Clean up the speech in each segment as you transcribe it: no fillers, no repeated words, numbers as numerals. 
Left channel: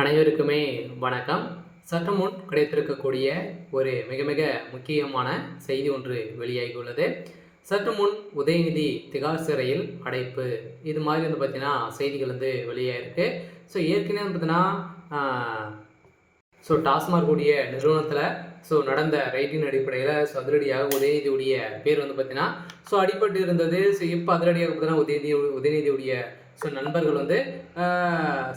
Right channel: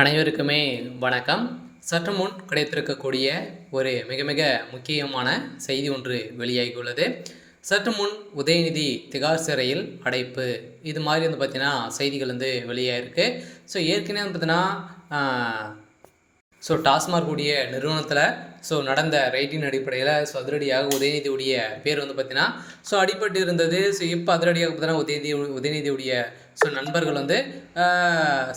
அனைவருக்குமே வணக்கம். சற்று முன் கிடைத்திருக்கக்கூடிய ஒரு மிக மிக முக்கியமான செய்தி ஒன்று வெளியாகியுள்ளது. சற்று முன் உதயநிதி திகார் சிறையில் அடைப்பு, இது மாதிரி வந்து பார்த்தீங்கன்னா செய்திகள் வந்து வெளியாகிருக்கு. ஸோ ஏற்கனவே வந்து பார்த்தீங்கன்னா டாஸ்மாக் உடைய நிறுவனத்தில் நடந்த ரைட்டின் அடிப்படையில் அதிரடியாக உதயநிதியுடைய பேர் வந்து பார்த்தீங்கன்னா அடிபட்டு இருந்தது. இப்போ அதிரடியாக பார்த்தீங்கன்னா உதயநிதியுடைய நண்பர்கள் வந்து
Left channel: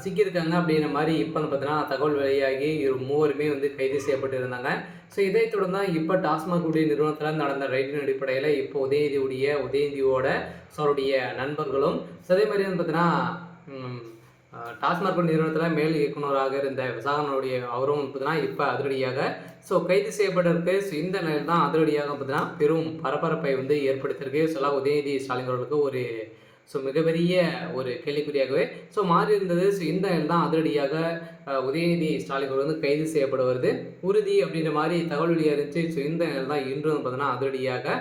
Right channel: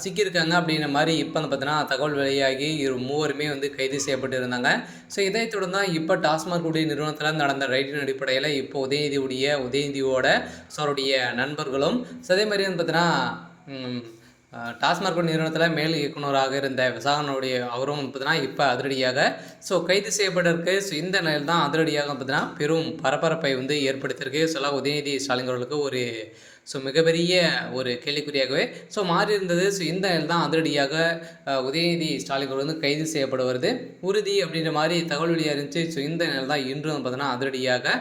சிக்கியிருக்காங்க அப்படின்ற மாதிரி இப்போ வந்து பார்த்தீங்கன்னா தகவல் வெளியாகி மூவருமே வந்து கைது செய்யப்பட்டு இருந்தாங்க. இதை தொடர்ந்து தான் இப்போ டாஸ்மாக் உடைய நிறுவனத்தில் நடந்த ரைட்டின் அடிப்படையில் இப்போ உதயநிதியோட அவருடைய நண்பர்களும் அதே மாதிரி வந்து பார்த்தீங்கன்னா டாஸ்மாக் நிறுவனத்தில் மேல் இயக்குநராக இருந்த விசாகனுடைய அவரும் பார்த்தீங்கன்னா இப்போ அதிரடியாக கைது செய்யப்பட்டிருக்கு. இந்த நிலையில் தான் அதிரடியாக பார்த்தீங்கன்னா பெரும் பரபரப்பை வந்து ஏற்படுத்தியிருக்கு. உதயநிதி ஸ்டாலின் அவர்களுக்கு ஒரு மிகப்பெரிய ஒரு கேள்விக்குறியாகவே மாறி இருந்தது. இந்த நிலையில் தான் அதிரடியாக உதயநிதி ஸ்டாலின் அவர்கள் வந்து கைது செய்யப்படுவது உறுதி அப்படின்ற மாதிரி தகவல் வெளியாக இருந்துச்சு. இந்த நிலையில் தான் இன்றும் பார்த்தீங்கன்னா அதிரடியாக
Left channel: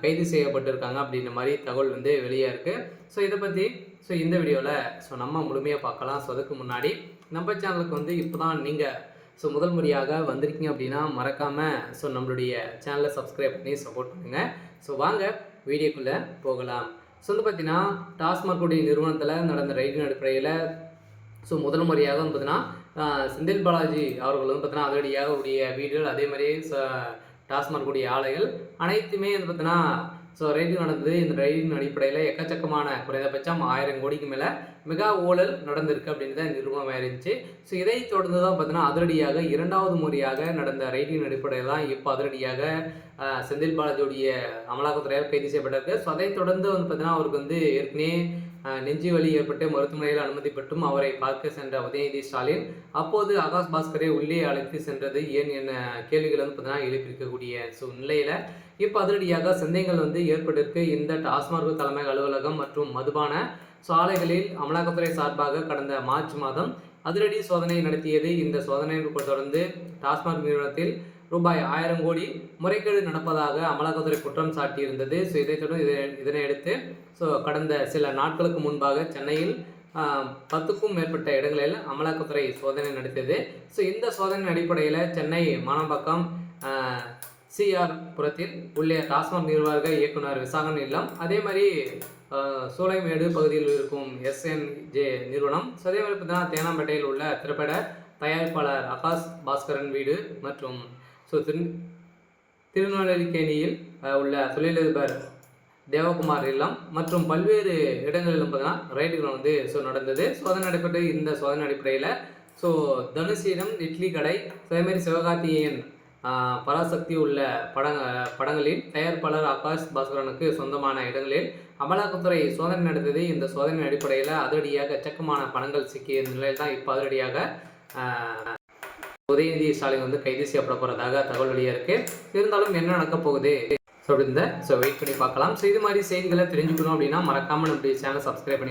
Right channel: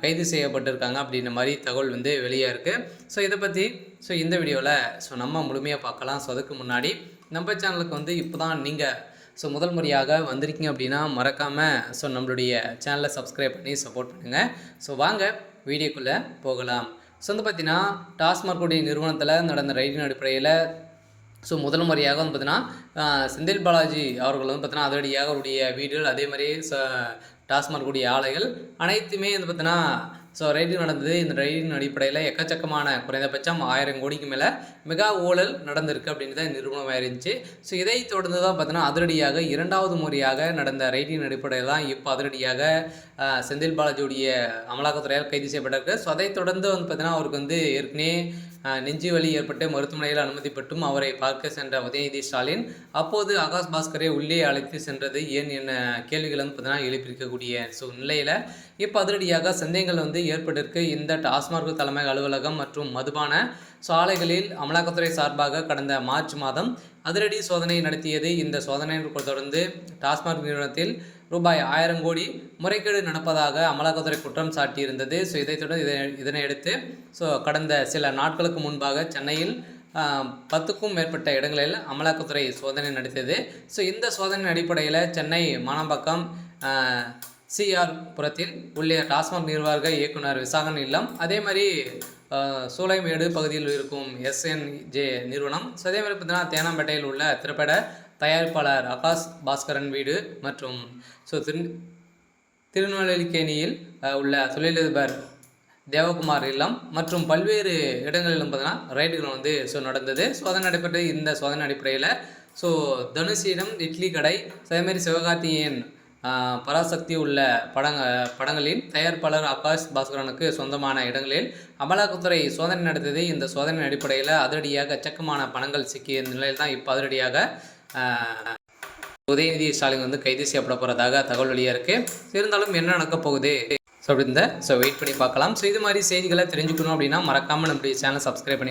கைது செய்யப்பட்டிருக்காங்க அப்படின்ற மாதிரி தகவல் வந்து வெளியாக இருக்குது. இதை பற்றி இந்த வீடியோவில் நம்ம முழுமையாக பார்க்கலாம். அதுக்கு முன்னாடி நம்ம சேனலுக்கு வந்து இப்போ தான் நீங்கள் முதல் முறையாக வந்திருக்கீங்க அப்படின்னா மறக்காமல் நம்மளுடைய சேனலை சப்ஸ்கிரைப் பண்ணி சப்போர்ட் பண்ணுங்கள். வாங்க வீடியோக்குள்ளே போகலாம். வந்து பார்த்தீங்கன்னா டாஸ்மாக் உடைய நிறுவனத்தில் நடந்த ரைட்டின் அடிப்படையில் முதல் முறையாக வந்து பார்த்தீங்கன்னா செந்தில் பாலாஜி அவர்கள் வந்து பார்த்தீங்கன்னா அதிரடியாக அவருடைய வீடுகள் அதே மாதிரி டாஸ்மாக் உடைய ஆலைகள் அனைத்துமே வந்து பார்த்தீங்கன்னா ரைடிங் நடந்தது. இந்த ரைடிங் அடிப்படையில் எக்கச்சக்கமான குறைந்தபட்சம் 1000 கோடிக்கு மேலே மெகா ஊழல் நடந்திருக்கு அப்படின்னு தான் நிறுவனமாக இருந்துச்சு. இதை தொடர்ந்து தான் பார்த்தீங்கன்னா அதிரடியாக இரண்டாவது முறையாக நடந்த ரைடிங் அடிப்படையில் தான் இப்போ அதிரடியாக செந்தில் பாலாஜியுடைய அமலாக்கத்துறையால் கைது செய்யப்பட்டிருக்கு. அதை தொடர்ந்து வந்து பார்த்தீங்கன்னா அவருக்கு வந்து ஏற்கனவே நெஞ்சு வலி ஏற்பட்டு மருத்துவமனையில் அனுமதி பெற்றும் அவரை பார்க்க சென்ற உதயநிதி ஸ்டாலின் அப்போது ஆகாஷ் பாஸ்கரை உள்ளே அழைத்து சென்றது ஏன் என்ன கேள்விகள் வந்து பார்த்தீங்கன்னா எழுப்பியிருக்கக்கூடிய நிலையில் இப்போ அதிரடியாக சந்தேகங்கள் வந்து ஏற்பட்டிருக்கு. இந்த டாஸ்மாக் தலைமை அலுவலகம் மற்றும் மதுபான ஆலைகளில் அமலாக்கத்துறை சார்பாக கடந்த மார்ச் மாதம் அதிரடி சோதனை நடத்தியது. இந்த சோதனையை தொடர்ந்து டாஸ்மாக் நிறுவனத்தில் ரூபாய் 1000 கோடி முறைகேடு நடப்பதாக அமலாக்கத்துறை குற்றம் சாட்டியிருந்தது. இதைத் தொடர்ந்து இதனையடுத்து கடந்த சில நாட்களுக்கு முன்பாக சென்னையில் 10க்கும் மேற்பட்ட இடங்களில் அமலாக்கத்துறை சோதனை நடத்தியது. இந்த சோதனை அடிப்படையில் சென்னை மானம்பாக்கம் சிஆர் புரத்தில் உள்ள டாஸ்மாக் நிர்வாக இயக்குனர் விசாகன் இல்லம், அதே மாதிரி சூளைமேடு பகுதியில் இருக்கும் SNJ நிறுவனம், அதே மாதிரி பார்த்தீங்கன்னா தேனாம்பேட்டையில் உள்ள திரைப்பட தயாரிப்பாளர் ஆகாஷ் பாஸ்கரன் வீடு மற்றும் திருநெல்வேலிக்கேணியில் உள்ள தொழிலதிபர் தேவகுமார் இல்லம் மற்றும் பல்வேறு இடங்களில் பார்த்தீங்கன்னா ரைடுகள் வந்து நடந்தது. சோதனை நடைபெற்று இந்த சோதனை அடிப்படையில் தனுஷிடம் இட்லி கடை, அதேமாதிரி சிவகார்த்திகேயன் பராசக்தி உள்ள படங்களின் தயாரிப்பாளர் ஆகாஷ் பாஸ்கரனுக்கு சொந்தமான இடங்களில் அமலாக்கத்துறை சோதனை நடந்தது. இந்த சோதனை அடிப்படையில் அதிரடியாக எச்சக்கமான பணங்கள் சிக்கிய நிலையில் தான் இப்போ அதிரடியாக உதயநிதி ஸ்டாலின் வந்து கைது செய்யப்பட போகிறதாக தகவல் வெளியாக இருக்குது. இருந்தாலும் என்ன நடக்க போகுது அப்படின்னு வெயிட் பண்ணி பார்க்கலாம். இது மாதிரி செய்திகளை தெரிஞ்சுக்கணும் அப்படின்னா மறக்காமல் நம்முடைய சேனலை சப்ஸ்கிரைப் பண்ணி